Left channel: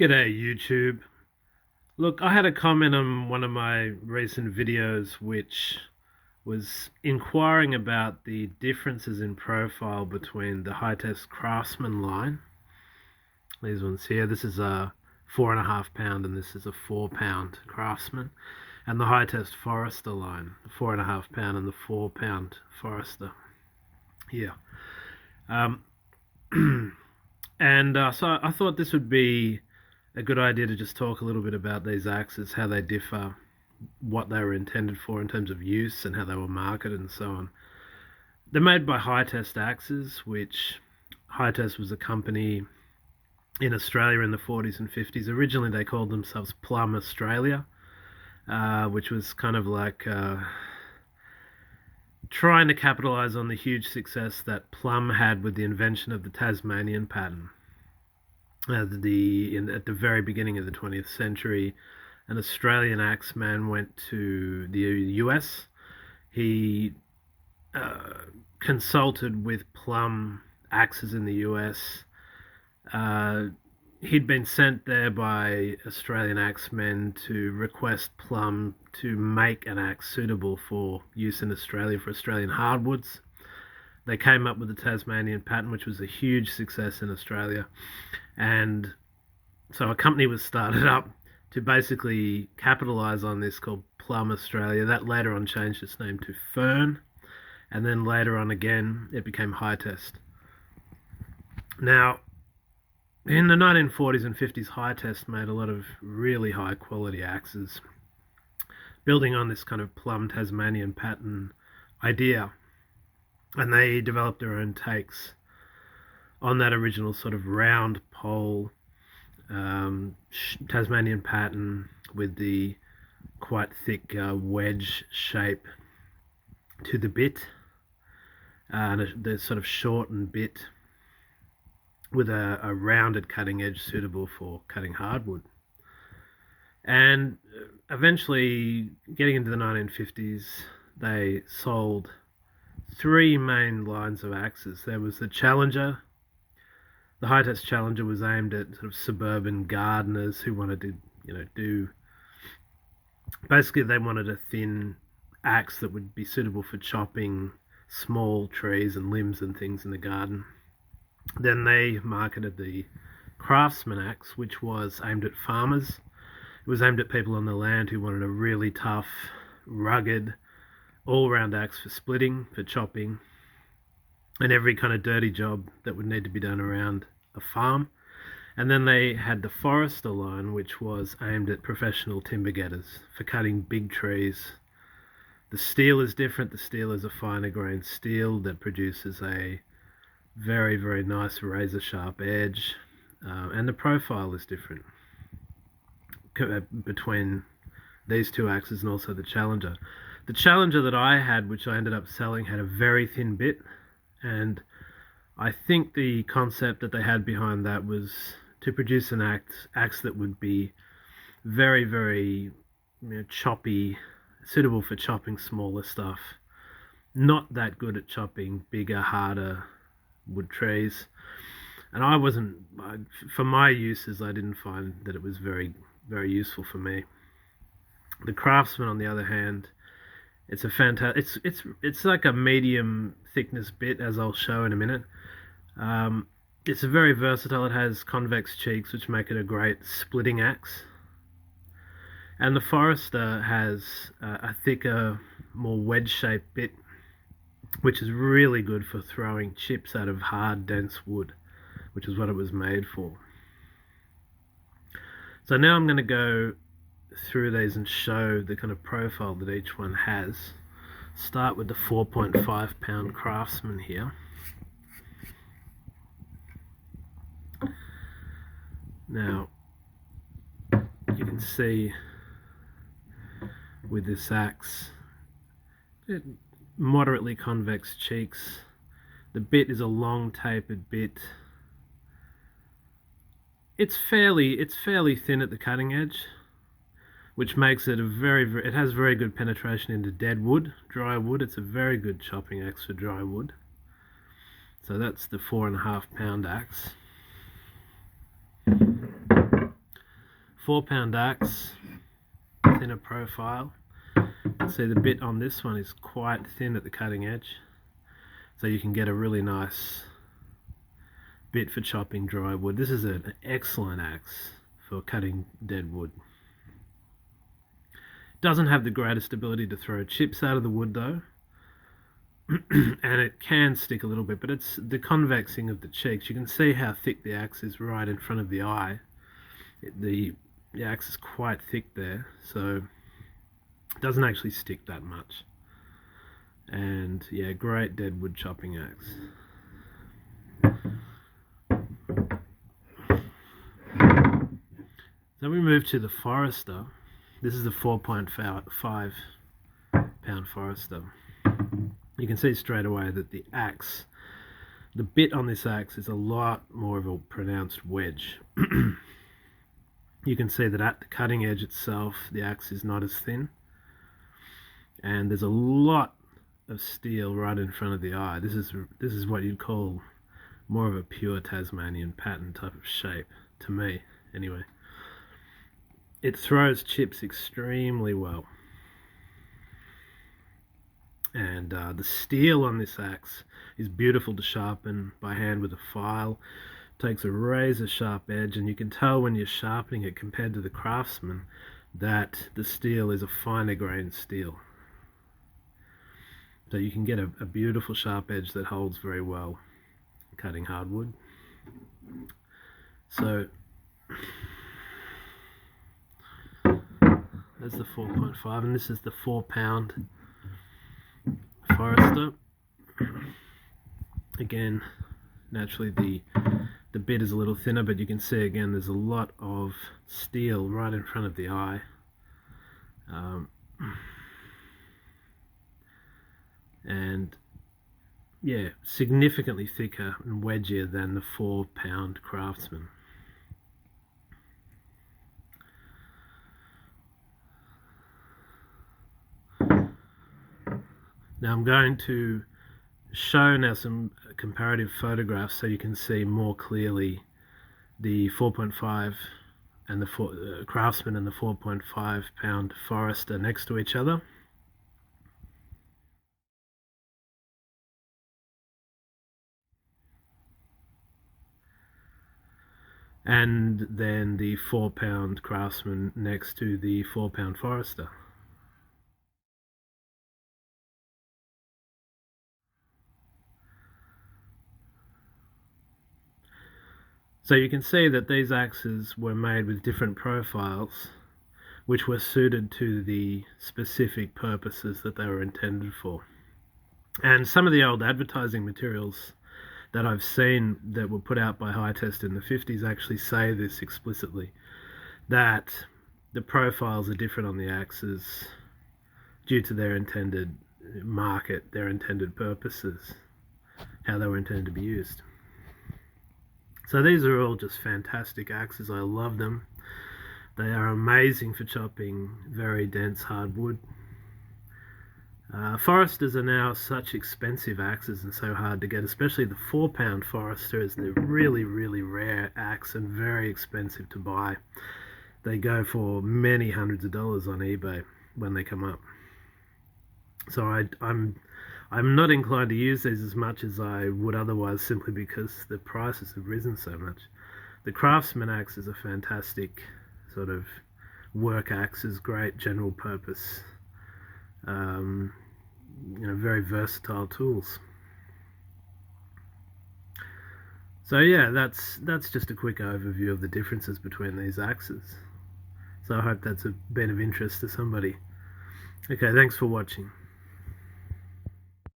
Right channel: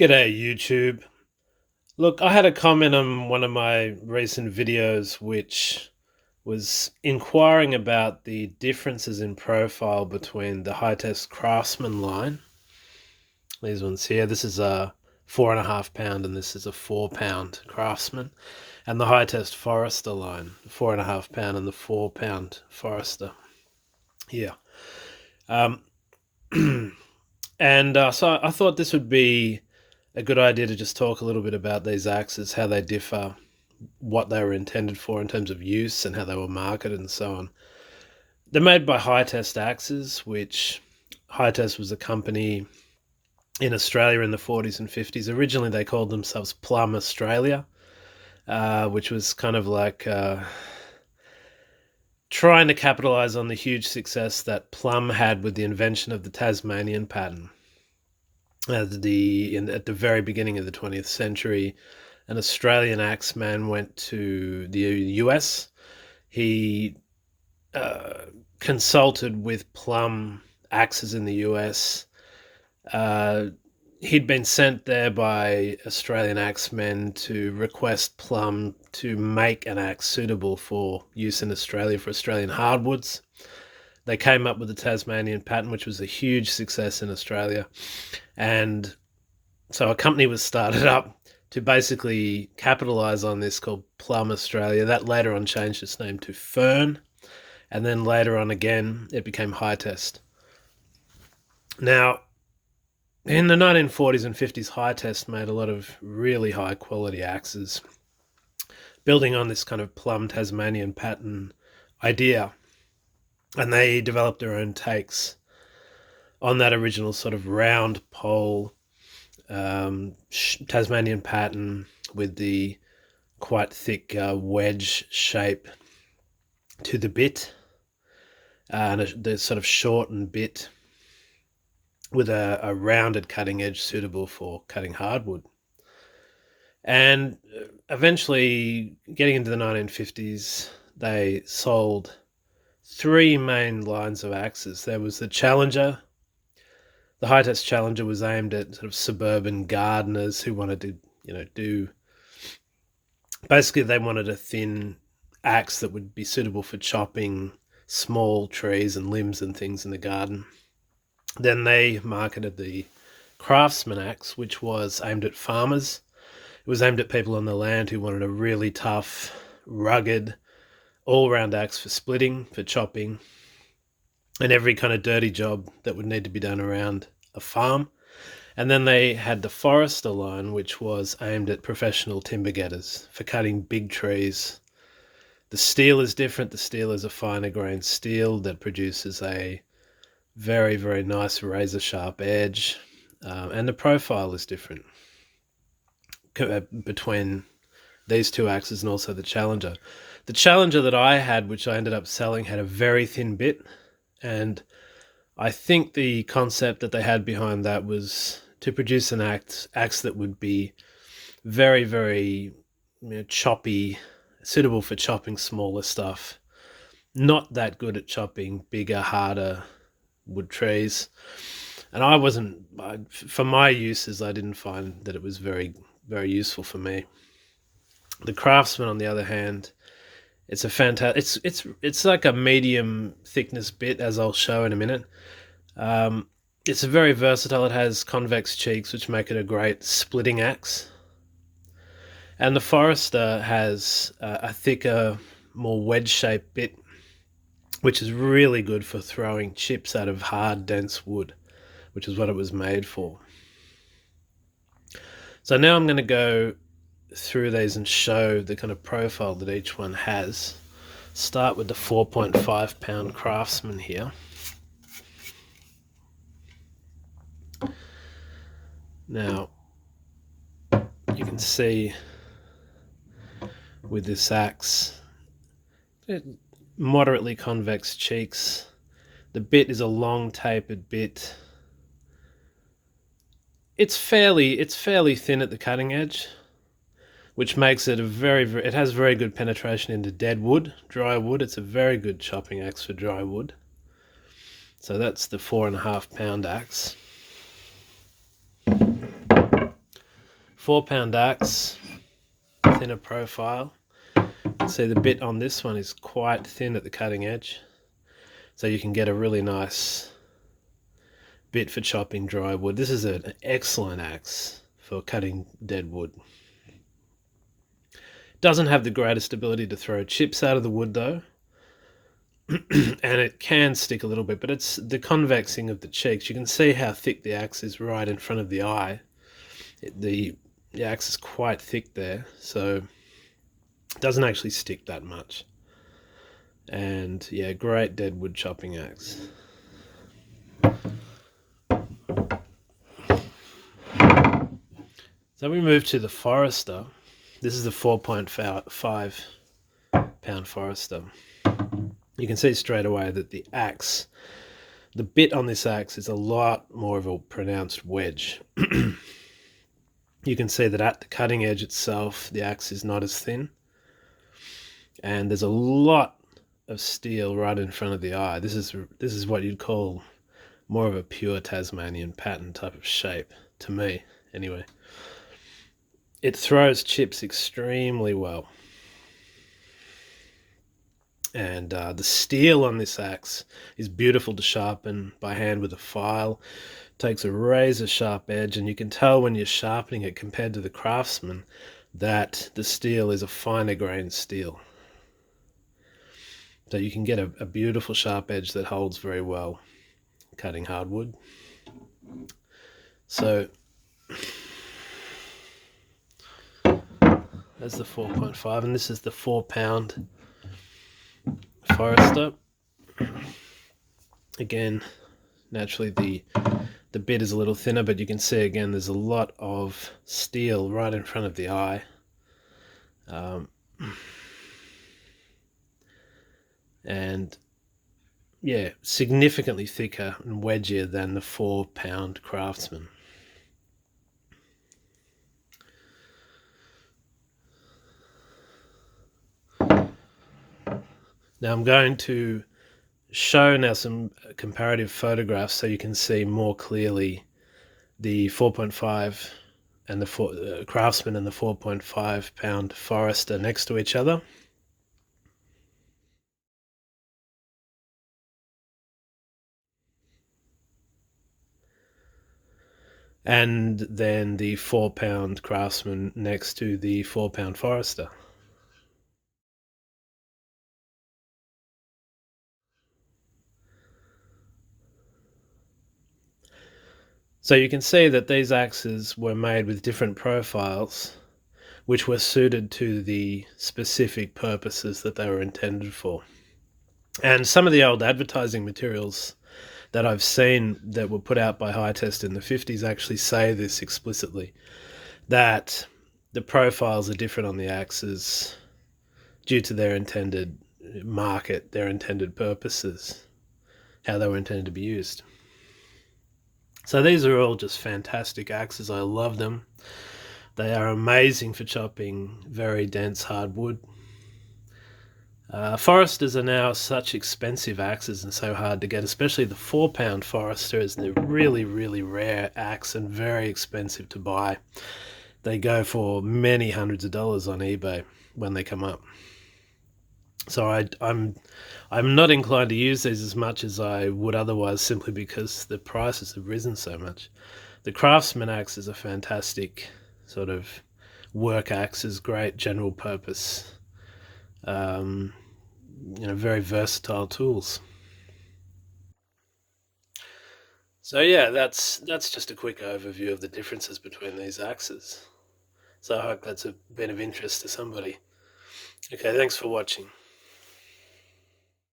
G'day YouTube. Look, I had a comment on one of my recent videos which was inquiring about the differences in profile between the Hytest Craftsman line. These ones here, this is a 4.5 pound and this is a 4 pound Craftsman. And the Hytest Forester line, the 4.5 pound and the 4 pound Forester here. So I thought this would be a good idea to just talk a little bit about these axes, how they differ, what they were intended for in terms of use and how they were marketed and so on. They're made by Hytest Axes, which Hytest was a company in Australia in the 40s and 50s. Originally they called themselves Plum Australia, which was kind of like trying to capitalize on the huge success that Plum had with the invention of the Tasmanian-pattern. At the very beginning of the 20th century, an Australian axeman went to the US. He consulted with Plum axes in the US. He'd been sent there by Australian axemen to request Plum to make an axe suitable for use in Australia for Australian hardwoods. They came up with the Tasmanian-pattern, which was a huge success in Australia. And so a company was started up to basically capitalize on this called Plum Australia. That later on changed its name to Fern. And then later on again, it became Hytest. Now, in the 1940s and 50s, Hytest made a lot of really high quality axes, building on this kind of Plum Tasmanian-pattern idea. And they developed their own takes on that original sort of round pole Tasmanian pattern with the quite thick wedge shape to the bit, and the sort of shortened bit with a rounded cutting edge suitable for cutting hardwood. And eventually, getting into the 1950s, they sold three main lines of axes. There was the Challenger. The Hytest Challenger was aimed at sort of suburban gardeners who wanted to, basically they wanted a thin axe that would be suitable for chopping small trees and limbs and things in the garden. Then they marketed the Craftsman axe, which was aimed at farmers. It was aimed at people on the land who wanted a really tough, rugged, all-round axe for splitting, for chopping, and every kind of dirty job that would need to be done around a farm. And then they had the Forester line, which was aimed at professional timber getters for cutting big trees. The steel is different. The steel is a finer grained steel that produces a very, very nice razor sharp edge. And the profile is different between these two axes and also the Challenger. The Challenger that I had, which I ended up selling, had a very thin bit, and I think the concept that they had behind that was to produce an axe that would be very, very choppy, suitable for chopping smaller stuff, not that good at chopping bigger, harder wood trees. And for my uses, I didn't find that it was very, very useful for me. The Craftsman, on the other hand, it's a fantastic. It's like a medium thickness bit, as I'll show in a minute. It's very versatile. It has convex cheeks, which make it a great splitting axe. And the Forester has a thicker, more wedge-shaped bit, which is really good for throwing chips out of hard, dense wood, which is what it was made for. So now I'm going to go through these and show the kind of profile that each one has. Start with the 4.5 pound Craftsman here. Now you can see with this axe, moderately convex cheeks. The bit is a long tapered bit. It's fairly thin at the cutting edge, which makes it it has very good penetration into dead wood, dry wood. It's a very good chopping axe for dry wood. So that's the 4.5 pound axe. 4-pound axe, thinner profile. You can see the bit on this one is quite thin at the cutting edge, so you can get a really nice bit for chopping dry wood. This is an excellent axe for cutting dead wood. Doesn't have the greatest ability to throw chips out of the wood though, and it can stick a little bit, but it's the convexing of the cheeks. You can see how thick the axe is right in front of the eye. The axe is quite thick there, so it doesn't actually stick that much. And yeah, great dead wood chopping axe. So we move to the Forester. This is the 4.5 pound Forester. You can see straight away that the bit on this axe is a lot more of a pronounced wedge. You can see that at the cutting edge itself, the axe is not as thin. And there's a lot of steel right in front of the eye. This is what you'd call more of a pure Tasmanian-pattern type of shape, to me, anyway. It throws chips extremely well. And the steel on this axe is beautiful to sharpen by hand with a file. It takes a razor sharp edge, and you can tell when you're sharpening it compared to the Craftsman that the steel is a finer grained steel. So you can get a beautiful sharp edge that holds very well cutting hardwood. So that's the 4.5, and this is the 4-pound Forester. Again, naturally the bit is a little thinner, but you can see again there's a lot of steel right in front of the eye. And yeah, significantly thicker and wedgier than the 4-pound Craftsman. Now I'm going to show now some comparative photographs so you can see more clearly the 4.5 and the Craftsman and the 4.5 pound Forester next to each other. And then the 4-pound Craftsman next to the 4-pound Forester. So you can see that these axes were made with different profiles which were suited to the specific purposes that they were intended for. And some of the old advertising materials that I've seen that were put out by Hytest in the 50s actually say this explicitly, that the profiles are different on the axes due to their intended market, their intended purposes, how they were intended to be used. So these are all just fantastic axes. I love them. They are amazing for chopping very dense hardwood. Foresters are now such expensive axes and so hard to get, especially the 4-pound Forester is a really, really rare axe and very expensive to buy. They go for many hundreds of dollars on eBay when they come up. So I'm not inclined to use these as much as I would otherwise, simply because the prices have risen so much. The Craftsman axe is a fantastic sort of work axe, is great general purpose, very versatile tools. So yeah, that's just a quick overview of the differences between these axes. So I hope that's been of interest to somebody. Okay, thanks for watching.